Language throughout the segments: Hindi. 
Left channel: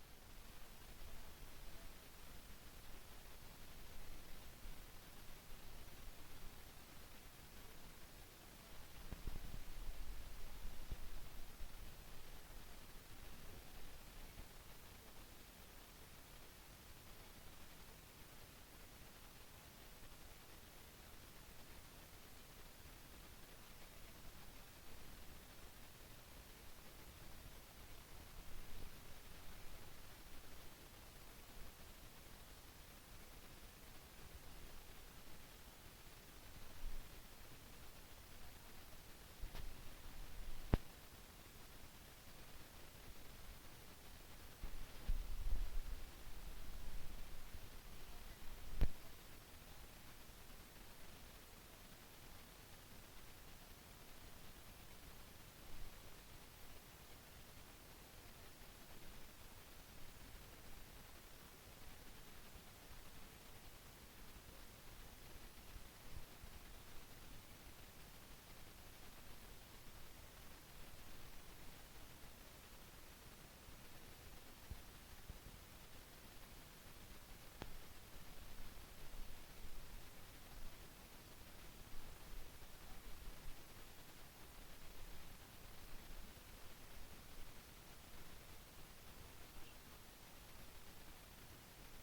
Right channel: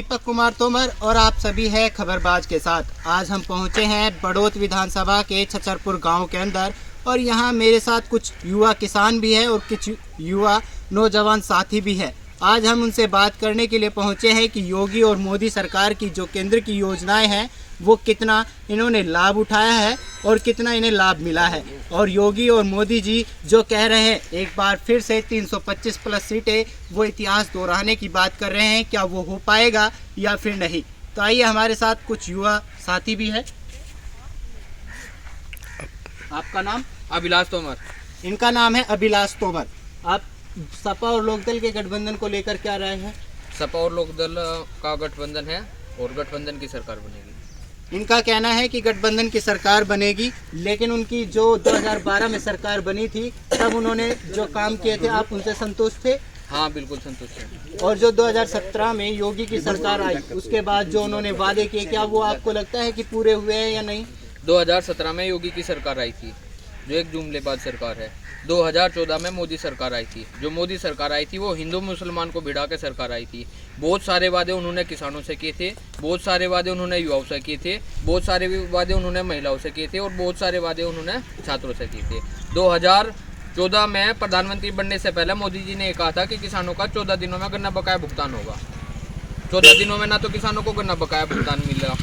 दीपक कुमार तोमर और आप सभी हैं खबरबाज के साथ। आज हम पहुंचे हैं बड़ौत विधानसभा के छछरपुर गांव के अंदर और यहां मेरे साथ कुछ युवा किसान भी हैं और कुछ युवा नौजवान साथी भी हैं। आज हम उनसे बात करने के लिए पहुंचे हैं कि योगी और मोदी सरकार की जो केंद्र की योजनाएं हैं वो कितना इन्होंने लाभ उठाया है और कितना इन्हें लाभ मिला है। और योगी और मोदी जी जो कह रहे हैं एक बार फिर से 325 प्लस सीटें, वो इतिहास दोहराने की बात कर रहे हैं, क्या वो हो पाएगा या फिर नहीं। तो आइए हमारे साथ कुछ युवा साथी भी है। आपका नाम? अभिलाष तोमर। इनका नाम है अभिलाष तोमर। आप सपा और लोकदल के गठबंधन को लेकर क्या राय है? सपा और लोकदल का गठबंधन है और गठबंधन की सरकार बनेगी। इनका कहना है कि गठबंधन की सरकार बनेगी, लेकिन उनकी जो 2012 में सरकार बनी थी तब उन्होंने जो काम किए थे आप उनसे संतुष्ट थे? हाँ, बिल्कुल संतुष्ट है। और जो 2017 में योगी की सरकार आई उसके बाद जो उन्होंने वादे किए, क्या वो आपको लगता है कि पूरे हुए हैं या नहीं? 2017 में योगी की सरकार आई थी जो एक जुमलेबाज सरकार है। 2014 में मोदी सरकार आई थी। जो मोदी सरकार आई थी वो हिंदू मुसलमान को भिड़ा के सरकार आई थी। बहुत सारे वादे उन्होंने किसानों से किए थे, बहुत सारे वादे उन्होंने युवाओं से किए थे, बहुत सारे वादे उन्होंने महिलाओं से किए थे और बहुत सारे वादे उन्होंने छात्रों से किए थे। 2014 में प्रधानमंत्री बनने से पहले मोदी जी ने कहा था कि किसानों का 14 दिनों में गन्ना बकाया भुगतान होगा। 14 दिनों में ना तो किसानों को गन्ना बकाया भुगतान मिला।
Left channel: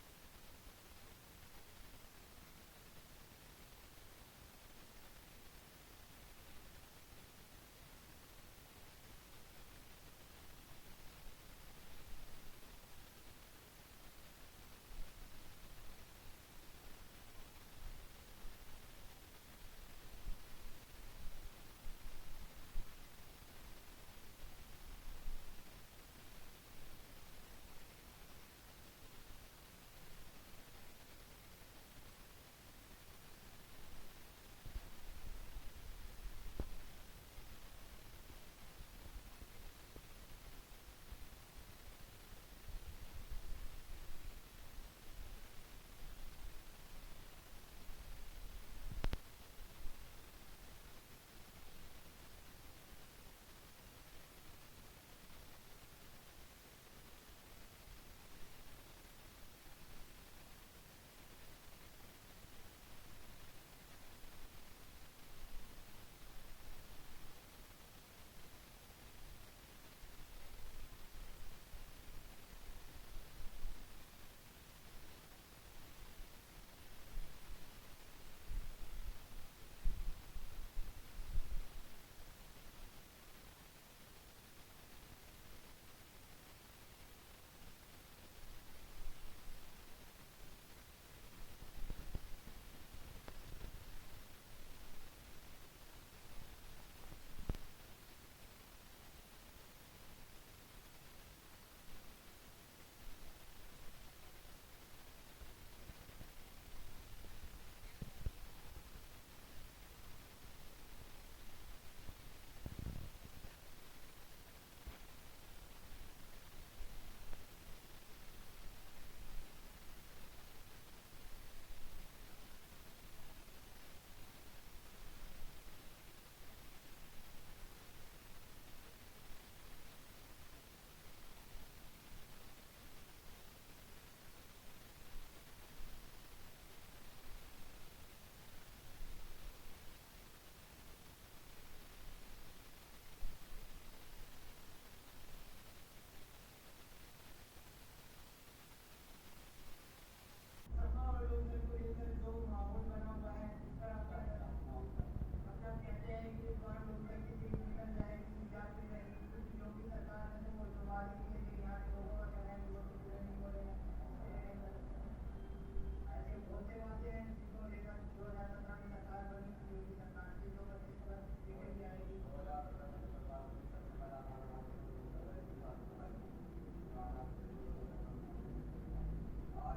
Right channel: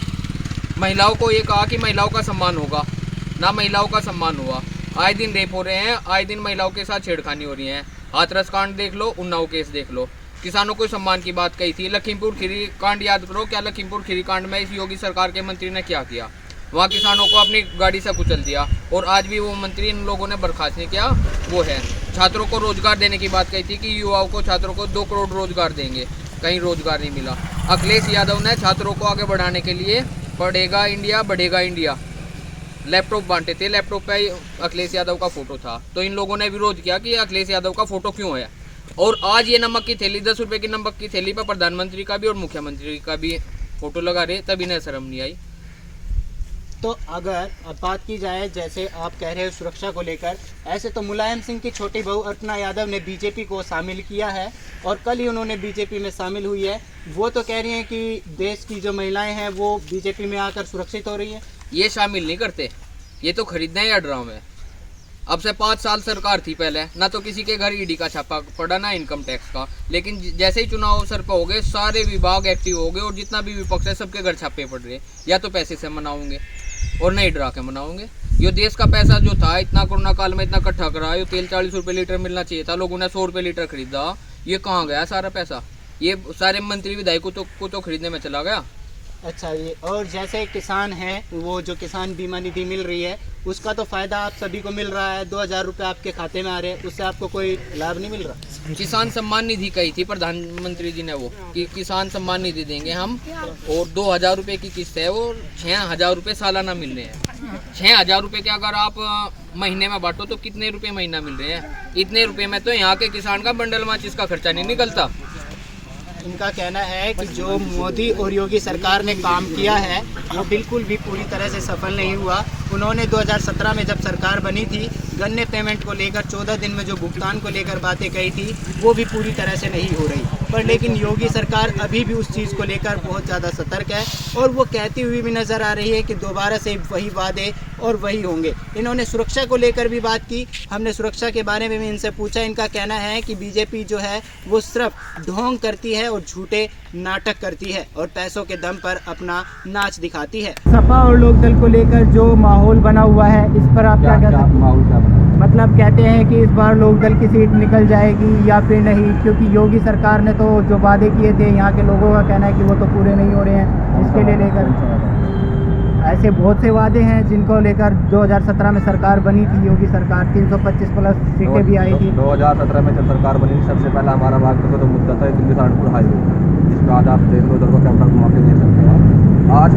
महिलाओं को ये कहा कि महिलाओं का सम्मान होगा, ना महिलाओं का सम्मान हुआ। आए दिन रेप हो रहे हैं, आए दिन महिलाओं के साथ छेड़खानी हो रही है। हाथरस कांड देख लो, उन्नाव केस देख लो। किसानों को सम्मान की बात कही थी। लखीमपुर खीरी कांड याद करो, क्या लखीमपुर खीरी कांड में इस योगी सरकार के मंत्री ने क्या किया? वहाँ किसानों को अपनी गाड़ी से कुचल दिया और आज भी वो मंत्री इन लोगों ने बर्खास्त नहीं किया। वो है छात्रों को रोजगार देने की बात कही थी कि युवाओं को छात्रों को 2 करोड़ रोजगार देंगे, कहीं रोजगार नहीं मिला। अखिलेश यादव ने छात्रों को आगे बढ़ाने के लिए पढ़ेगा इंडिया बढ़ेगा इंडिया लैपटॉप बांटे थे। लैपटॉप पे अखिलेश यादव का फोटो था, तो इन लोगों ने विरोध किया कि अखिलेश यादव का फोटो क्यों है। और आज ये नमक की थैली 10 रुपए की नमक की थैली पर प्रधानमंत्री का भी और मुख्यमंत्री का भी फोटो लगा रहे, तभी इन्हें शर्म नहीं आई। तो अगर अब बात की जाए, जैसे आप कह रहे हो सुरक्षा को लेकर, ऐसे तो मुलायम सिंह की छोटी बहू अर्चना यादव ने बीजेपी को शामिल किया है और कल ही उन्होंने बीजेपी में शामिल हुई है। वो तो कह रही हैं कि देश की जो महिलाएं हैं वो बीजेपी में आकर सुरक्षित हो रही है। ये शामिल नहीं करते, ये तो खरीदने हैं या ड्रामे। अब से 5 साल सरकार थी पहले, ना तो किसी के घर ईडी का छापा पड़ा ना इनकम टैक्स का। लेकिन जैसे ही चुनाव अवसर पर हो गए सारे विभाग एक्टिव हो गए और जितना भी विपक्ष है सबके घर छापे पड़ रहे। या तो पैसे से मनाओगे और नहीं डरा के मनाओगे। ये देश का पैसा जो था इतना कोरोना काल में इतना इकट्ठा करा, ये तेल 40 रुपये लीटर मिलना चाहिए था, लोगों ने 100 रुपये लीटर खरीदा। ये कहाँ गया सारा पैसा? ये सारे मंत्री विधायकों को तो खरीदने में चला गया। अच्छा, ये और जैसे किसान हैं, वो जो किसान बीमा निधि मिल रही है उसका तो फायदा आप सभी को मिल रहा है। 2000 रुपये आपके खाते में आ रहे हैं, उससे आपको कोई लाभ नहीं मिल रहा? किसान सम्मान निधि कही थी प्रधानमंत्री जी ने वो कि किसान सम्मान निधि देंगे हम, और 2000 रुपये की किस्त है, वो 6000 रुपये सालाना मिल रहे हैं। 6000 रुपये के अगर आप महीने में बांटो तो कितने रुपये महीना मिल रहे हैं? इतने रुपये में तो यहाँ के किसान का बंडल माचिस का खर्चा नहीं निकलता। इनका कहना है कि जो मोदी और योगी सरकार ने काम किया है वो बिल्कुल भी पूरी तरह से सफल नहीं हुआ। उन्होंने 2017 में जब सरकार बनी थी गन्ने पेमेंट को लेकर 14 दिन में जो भुगतान को लेकर बातें कही थी वो भी पूरी तरह से नहीं हो रही। पर लेकिन योगी सरकार अभी भी उस चीज़ को लेकर बहुत ज़्यादा सतर्क है और वो कहती हुई भी नज़र आ रही है कि दोबारा से वही वादे और वही होंगे। इन्होंने सुरक्षा को लेकर भी बात की, हमने सुरक्षा के बारे में भी इनसे पूछा। इनका कहना है कि बीजेपी जो है वो सिर्फ ढोंग करती है और झूठे नाटक करती है और पैसों के दम पर अपना नाच दिखाती है। सपा और लोकदल को लेकर जो माहौल बना हुआ है इस पर आप क्या कहते हैं? मतलब कहते हैं कि इस बार लोकदल की सीट निकल जाएगी या फिर नहीं, क्योंकि योगी सरकार ने तो जो वादे किए थे यहाँ के लोगों का कहना है कि वो तो पूरे नहीं हो रहे हैं। इसके लिए लेकर ऐसे बहुत से वादे हैं जिनको लेकर 2017 में सरकार बनी थी योगी सरकार, 325 प्लस सीटें भी आई थी। 2017 में जब सरकार बनी सबसे पहला हमारा बागपत तो मुद्दा था दिल्ली सहारनपुर हाईवे, जिसमें आज आप देख लो उधर को कैमरा घुमा के देख सकते हो। आज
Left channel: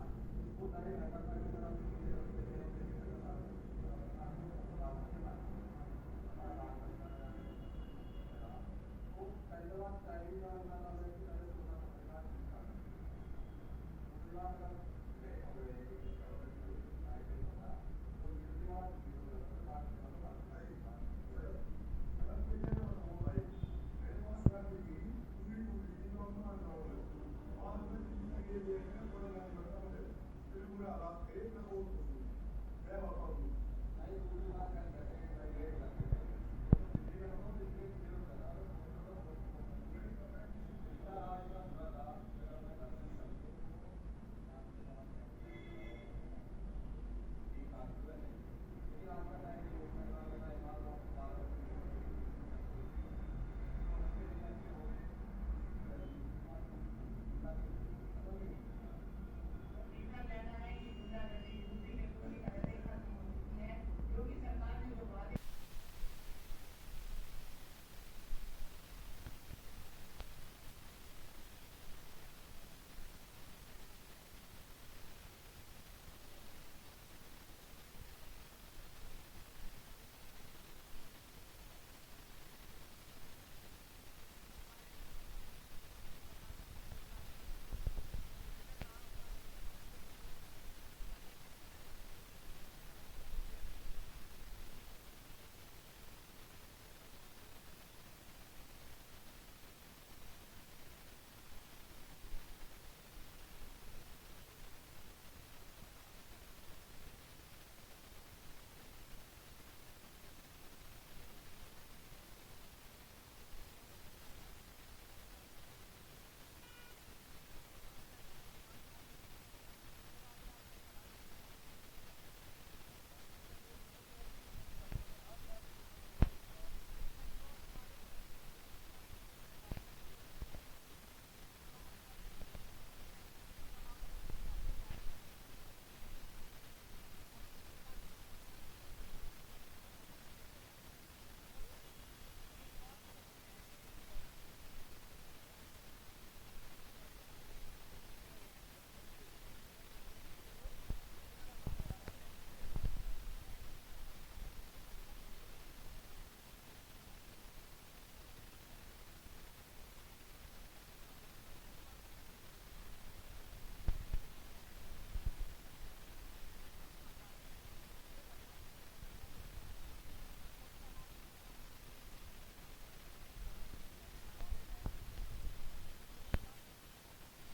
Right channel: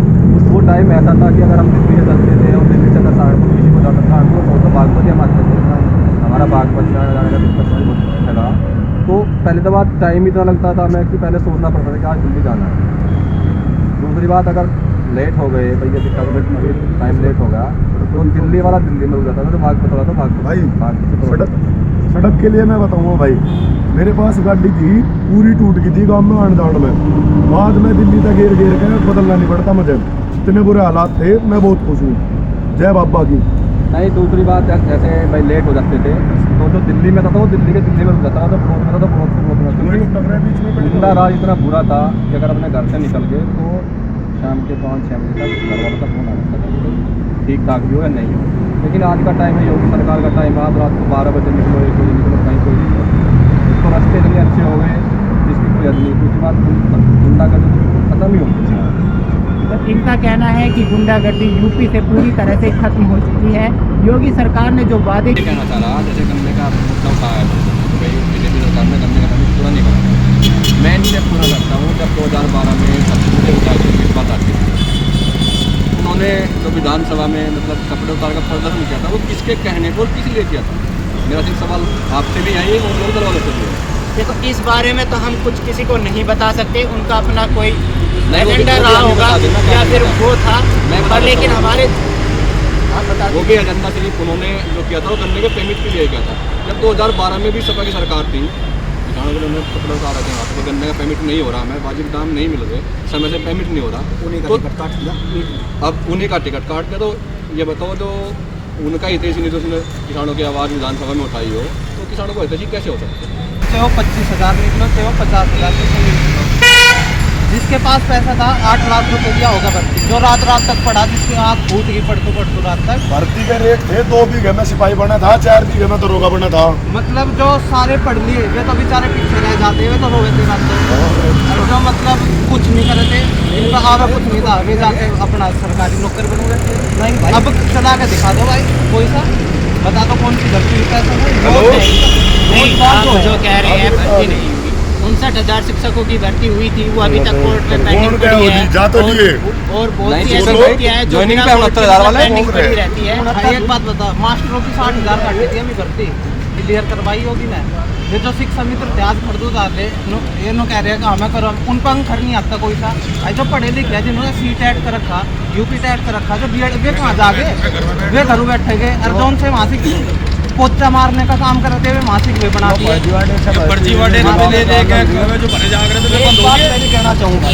वो टाइम ऐसा था कि अगर हम दिल्ली से चलते थे और दिल्ली से सहारनपुर किसी को जाना सहारनपुर तो बागपत ही हमारे हमारा बागपत जाने का दिक्कत लगा। तो पहले तो बात टाइम इतना लगता था हमें कि पहले सोचना पड़ता था कि आज दिल्ली जाना है। दूसरी बात, अगर लेट हो गए भैया दिक्कत टाइम लेट हो गया तो दिल्ली वाला दिल्ली में हो जाता था, तो बागपत वाला तो बागपत सड़क के लिए मैं बताऊंगा भाई, मेरे पास गाड़ी थी पूरी टूट गई थी गाँव में आने जाने में, बाद में दिल्ली तक घेर घेर के बदलना नहीं पड़ता मुझे, इतने बुरे हालात थे। मैं बहुत खुश हूँ, जय बाबा की। नहीं, दूसरी बात जैसे भाई लेट हो जाते थे तो जो दिल्ली में था तो वो दिल्ली में रुक जाता था, तो प्रोत में था तो प्रोत में, क्योंकि जिंदा राज इतना बुरा था कि अगर अपने घर से निकल गए तो शाम के 5-6 बजे तक घर वालों का फोन आ जाता था ठीक ठाक भी हो या नहीं हो। लेकिन आज का टाइम है, योगी सरकार का टाइम है, आप रात को 12 बजे निकलो, 1 बजे निकलो, कहीं कोई नहीं हो। तो रास्ते इतने अच्छे हो गए जिसकी कोई हद नहीं। दूसरी बात गुंडागर्दी खत्म ही हो गई। तो इनका कहना है कि गुंडागर्दी यूपी से पूरी तरह से खत्म हो चुकी है। योगी सरकार ने जो वादे कहना चाह रहा, जैसे गन्ने का मुद्दा उठाया है तो भाई बीजेपी सरकार ने गन्ने का परमिट पूरा नहीं करा। मैं इनसे पूरा करता हूँ, जब 2012 में सब्सिडी उतार की बात आती थी, उन्होंने जो विधानसभा में मतलब कपड़े उतार का प्रदर्शन किया था, वो किसके कहने को और किसी लिए किया था? मेरा सिर्फ सवाल आपसे भी है और लोग दरवाजे से भी है। देखो, इस बारे में तो हम कुछ किसी को नहीं बता सकते, उनका अपना कोई नहीं, वो एजेंडा भी रहा हमें होगा बता देना या क्या फिर है। वो था, मैं बता पर लेकिन देता हूँ। हमारे आप बता वो भी एजेंडा सिर्फ उन्होंने जो किया था वो गन्ने के पेमेंट के लिए किया था। जब 2012 में भी सपा की सरकार थी, किसानों के लिए कपड़े उतार रहे थे वहाँ पर, तो गन्ने का पेमेंट नहीं हो रहा, हमें वाजिब दाम नहीं मिल रहे, समय से पेमेंट नहीं हो रहा, तो अब उन्हीं का टिकट काट दिया। तो ये बताओ, जो उनका हितैषी नहीं तो उसने किसानों की आवाज़ विधानसभा में उठाई हो, तो किसानों को हितैषी कैसे हो सकता है? चाहे वो 25,000 निकलो, चाहे वो 50,000 निकलो, जिसके पास पैसा था 8 लाख रुपए दिया होगा भर्ती, जो रात तक पढ़ा, जिसकी आँख फूट गई पढ़तो रात तक। भर्ती के रेट थे, 2 बीघे में सिपाही बना था, 4 बीघे में दरोगा बना था। मतलब जो सारे पढ़ लिए वे तो बेचारे पीछे रह जाते, वे तो रोए थे रात को। और जो मतलब कुछ नहीं करे थे, इनका आवा कुछ नहीं था, वे जाके अपना सरकारी नौकर बन गए। नहीं भाई, अब चला के दिखा दो भाई, कोई सा बता दो कौन सी भर्ती पैसा नहीं, आप जो कह रहे हैं भर्ती नहीं हुई, 59,000 शिक्षकों की भर्ती हुई थी, वो अभी तक कोर्ट में पेंडिंग पड़ी है। जा तो लिए और बहुत नहीं, सी ऐसी शिक्षक भर्तियां हैं जो ज्वाइनिंग बिना पे कोर्ट के 69,000 वाले पेंडिंग घूम पड़ी रहे रहती है। भाई एक बात बता, मास्टरों की 60,000 काटी थी हमें भर्ती, क्लियर करवाई होगी ना। ये जो शिक्षा मित्र थे आज खरीदो जाते, ये नो कह रहे हैं कि हमें करो, उन पर अंखर नहीं आता कोई सा। भाई जो पढ़े लिखे हैं, जिन्होंने CTET कर रखा, UP टेट कर रखा, जो BEd, वे कहाँ जागे, वे घर बैठे गए। और जो उनसे मासिक पोचा मारने का काम करते हुए मासिक वे बना दिए। फर्जीवाड़े हाँ, ले लेके जो भरे जाग रहे थे एक बात मैं कहना चाहूँगा,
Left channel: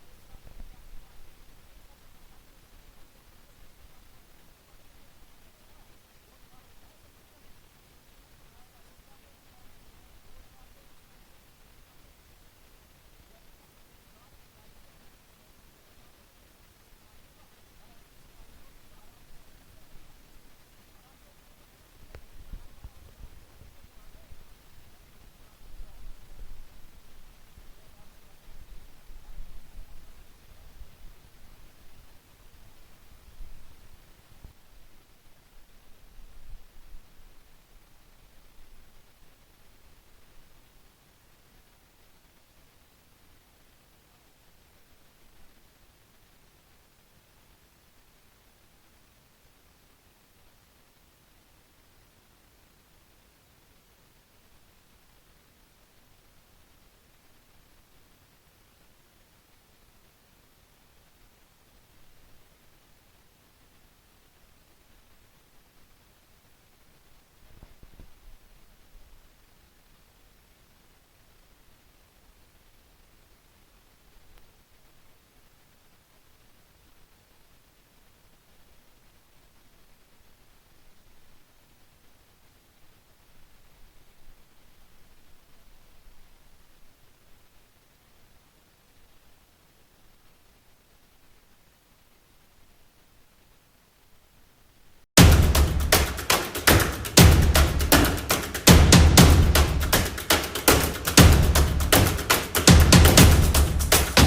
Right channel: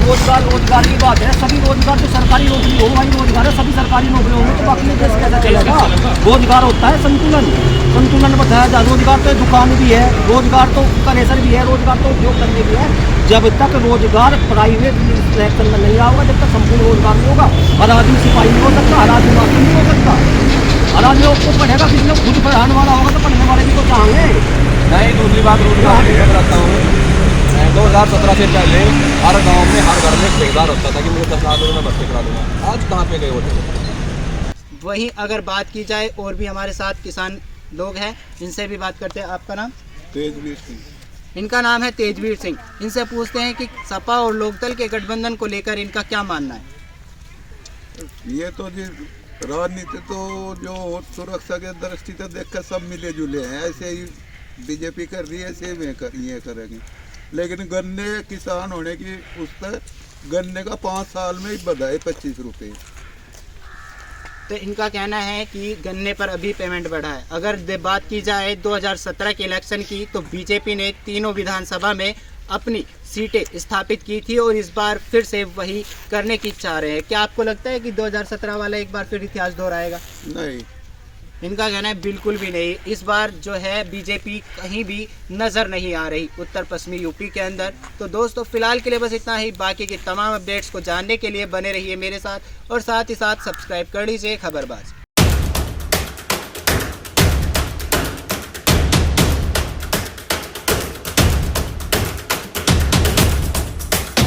रोजगार की बात है, सभी रोजगार जो सरकारी नौकरी हो वही रोजगार है, सभी सरकारी नौकरी होंगे तो बाकी देश कैसा चलेगा? रोजगार होता है संतुलन बताया जाए। रोजगार तो दुकान भी है, रोजगार तो कनेसर भी है, रोजगार तो उद्योग करने भी है। जब तक रोजगार प्राइवेट सेक्टर में नहीं आएगा, जब तक संपूर्ण रोजगार नहीं होगा, हर आदमी सिपाही नहीं हो सकता, हर आदमी मास्टर नहीं हो सकता। हर आदमी को पढ़ेगा, किसी ने खुद पढ़ाने वाला होगा तो पढ़ने वाले भी तो चाहेंगे। नहीं, दूसरी बात रोजगार की मैं बताता हूँ, 2017 से पहले हर गांव में हर घर में एक ठेकेदार होता था कि मुझे 10 लाख रुपये में भर्ती करा दूंगा। आज कहाँ पे गए वो ठेकेदार? वहीं अगर बात की जाए, और भी हमारे साथ किसान लोग हैं, इनसे भी बात करते हैं। आपका नाम? तेजवीर सिंह। इनका नाम है तेजवीर सिंह। इनसे पूछते हैं कि सपा और लोकदल के गठबंधन को लेकर इनका क्या मानना है। ये तो जी राजनीति तो जो सुरक्षा के दृष्टि से देखकर सब मिले जुले हैं, ऐसे ही बीजेपी कर रही है, ऐसे ये करेंगे। लेकिन गन्ने किसान होने की उस पर गन्ने का 5 साल में ही बढ़ाए 25 रुपये। तो इनका कहना है कि गन्ने पर अभी पेमेंट बढ़ा है। अगर बात की जाए 2017 के इलेक्शन की, तो बीजेपी ने तीनों विधानसभा में अपनी सीटें स्थापित की थी और इस बार फिर से वही करने की चाह रहे हैं। क्या आपको लगता है कि 2017 वाला एक बार फिर इतिहास दोहराएगा? नहीं, इनका कहना है बिल्कुल भी नहीं। इस बार जो है बीजेपी कहीं भी नज़र नहीं आ रही उत्तर पश्चिमी यूपी के अंदर। तो दोस्तों, फिलहाल के लिए बस इतना ही। बाकी की तमाम अपडेट्स को जानने के लिए बने रहिए मेरे साथ, और साथ ही साथ सब्सक्राइब कर लीजिए खबरबाज।